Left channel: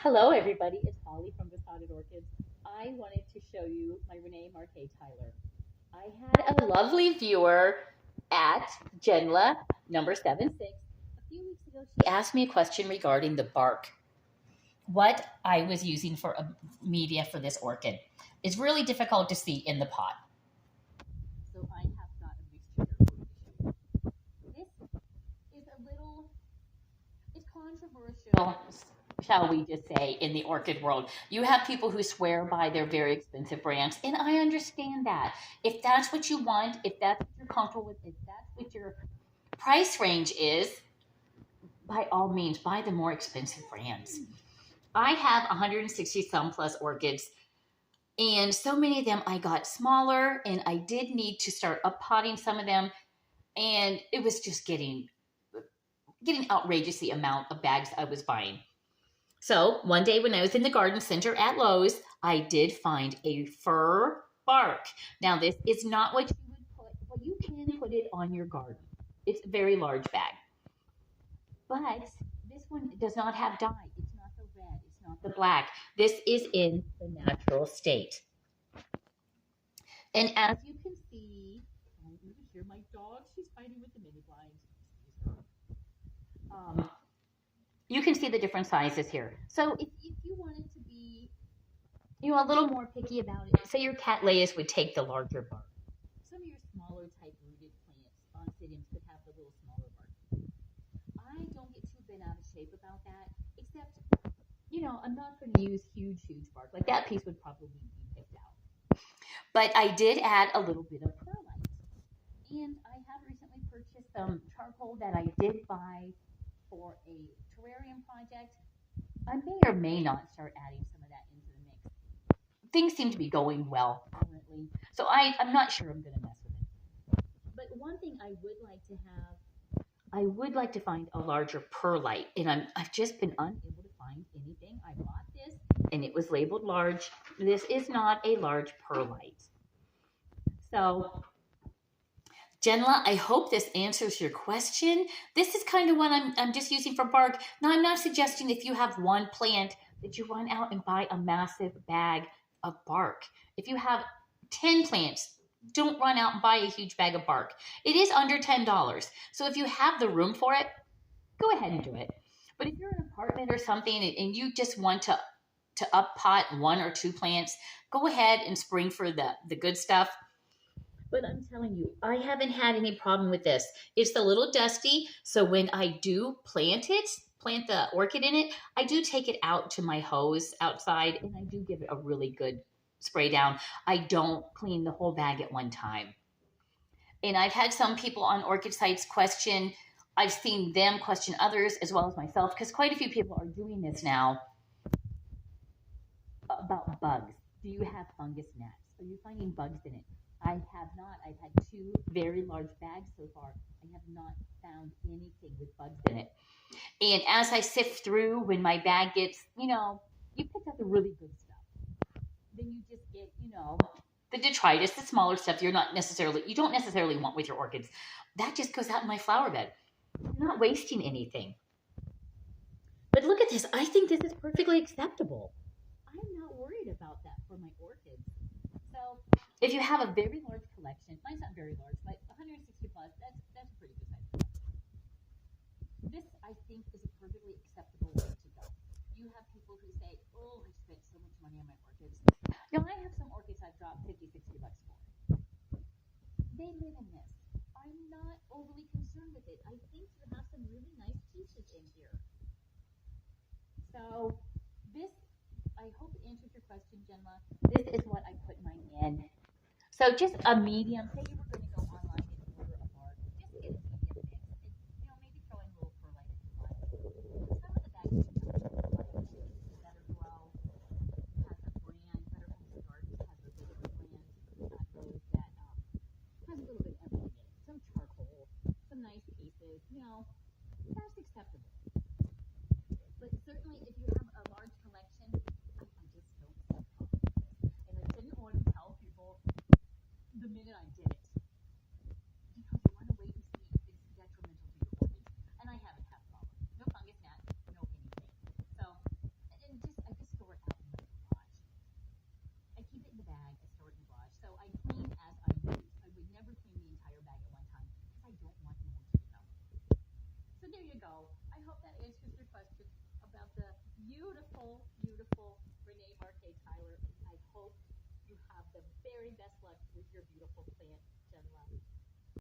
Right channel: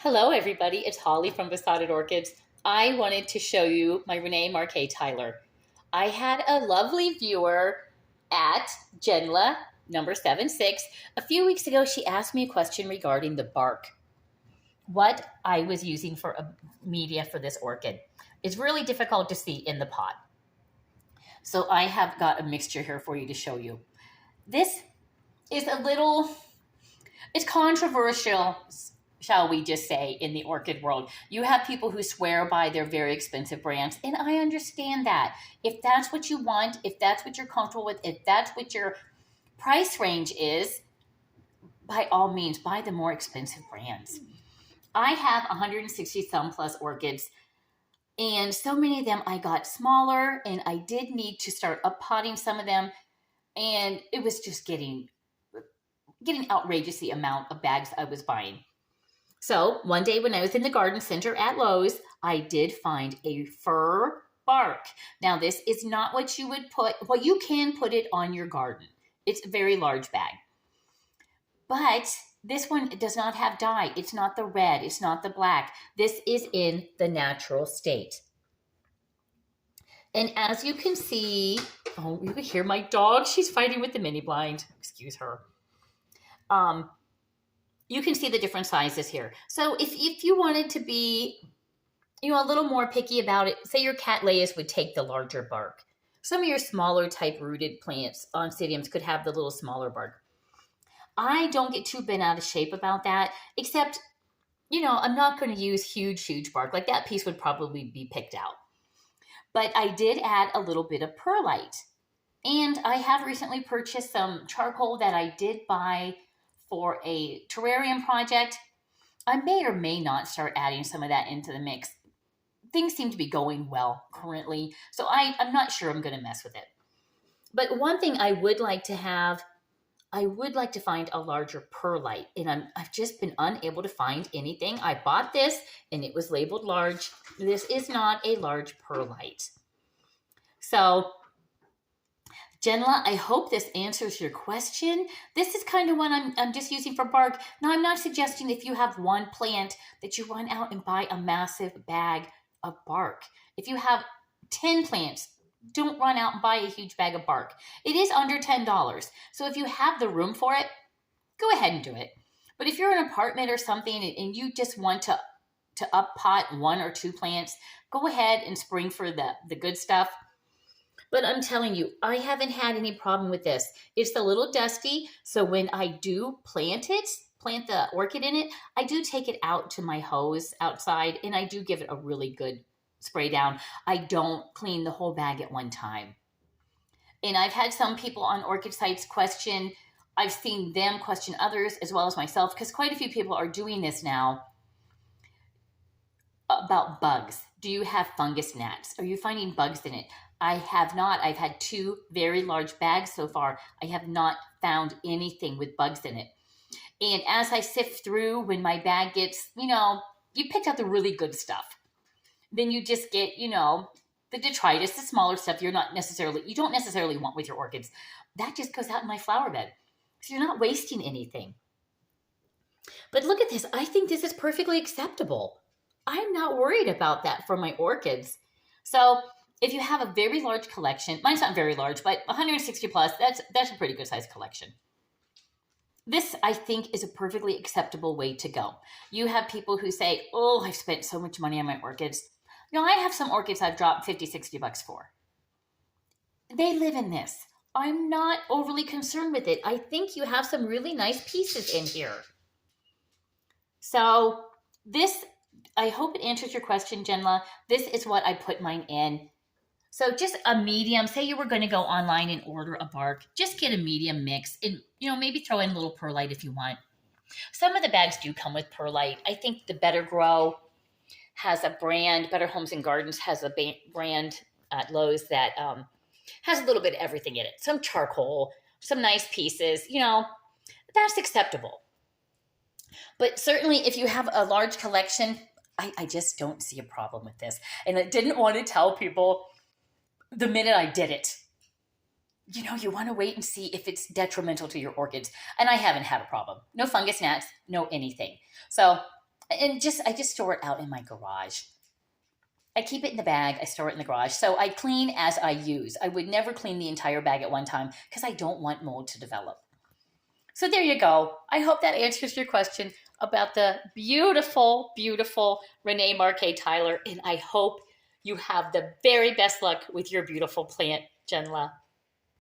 Hello, everybody. It's Holly from Besotted Orchids. I wanted to show you my Renee Marquis Tyler. I had a lovely viewer at Genla number 76. A few weeks ago, she asked me a question regarding the bark, what I was using for a media for this orchid. It's really difficult to see in the pot. So I have got a mixture here for you to show you. This is it's controversial, shall we just say, in the orchid world. You have people who swear by their very expensive brands, and I understand that. If that's what you want, if that's what you're comfortable with, if that's what your price range is, by all means, buy the more expensive brands. I have 160 some plus orchids, and so many of them I got smaller, and I did need to start up potting some of them, and it was just getting outrageous the amount of bags I was buying. So one day when I was in the garden center at Lowe's, I did find a fir bark. Now this is not what you would put, well, you can put it on your garden. It's a very large bag. But this one does not have dye. It's not the red. It's not the black. This is in the natural state. And as you can see, oh, you can hear my dog. She's fighting with the mini blind. Excuse her. You can see the different sizes here. So if you wanted to be, a little more picky about it, say your Cattleyas would take the larger bark. Some of your smaller type rooted plants, oncidiums, could have the little smaller bark. I don't get too bent out of shape about that, except, I'm not going to use huge bark. Like that piece would probably be picked out. But I did add a little bit of perlite. And I have recently purchased some charcoal that I did buy for a terrarium project. I may or may not start adding some of that into the mix. Things seem to be going well currently, so I'm not sure I'm going to mess with it. But one thing I would like to have, I would like to find a larger perlite, and I've just been unable to find anything. I bought this, and it was labeled large. This is not a large perlite. So Genla, I hope this answers your question. This is kind of what I'm just using for bark. Now, I'm not suggesting if you have one plant that you run out and buy a massive bag of bark. If you have 10 plants, don't run out and buy a huge bag of bark. It is under $10. So if you have the room for it, go ahead and do it. But if you're in an apartment or something and you just want to up pot one or two plants, go ahead and spring for the good stuff. But I'm telling you, I haven't had any problem with this. It's a little dusty, so when I do plant the orchid in it, I do take it out to my hose outside, and I do give it a really good spray down. I don't clean the whole bag at one time. And I've had some people on orchid sites question, I've seen them question others as well as myself, because quite a few people are doing this now, about bugs. Do you have fungus gnats? Are you finding bugs in it? I have not. I've had two very large bags so far. I have not found anything with bugs in it. And as I sift through, when my bag gets, you picked out the really good stuff. Then you just get, the detritus, the smaller stuff you don't necessarily want with your orchids. That just goes out in my flower bed. So you're not wasting anything. But look at this. I think this is perfectly acceptable. I'm not worried about that for my orchids. So if you have a very large collection, mine's not very large, but 160 plus, that's a pretty good size collection. This, I think, is a perfectly acceptable way to go. You have people who say, oh, I've spent so much money on my orchids. I have some orchids I've dropped 50, 60 bucks for. They live in this. I'm not overly concerned with it. I think you have some really nice pieces in here. So this, I hope it answers your question, Genla. This is what I put mine in. So just a medium, say you were going to go online and order a bark, just get a medium mix and, maybe throw in a little perlite if you want. Some of the bags do come with perlite. I think the Better Grow has a brand, Better Homes and Gardens has a brand at Lowe's that has a little bit of everything in it. Some charcoal, some nice pieces, that's acceptable. But certainly if you have a large collection, I just don't see a problem with this. And I didn't want to tell people the minute I did it. You want to wait and see if it's detrimental to your orchids. And I haven't had a problem. No fungus gnats, no anything. So And I just store it out in my garage. I keep it in the bag. I store it in the garage. So I clean as I use. I would never clean the entire bag at one time because I don't want mold to develop. So there you go. I hope that answers your question about the beautiful, beautiful Renee Marquis Tyler. And I hope you have the very best luck with your beautiful plant, Jenla.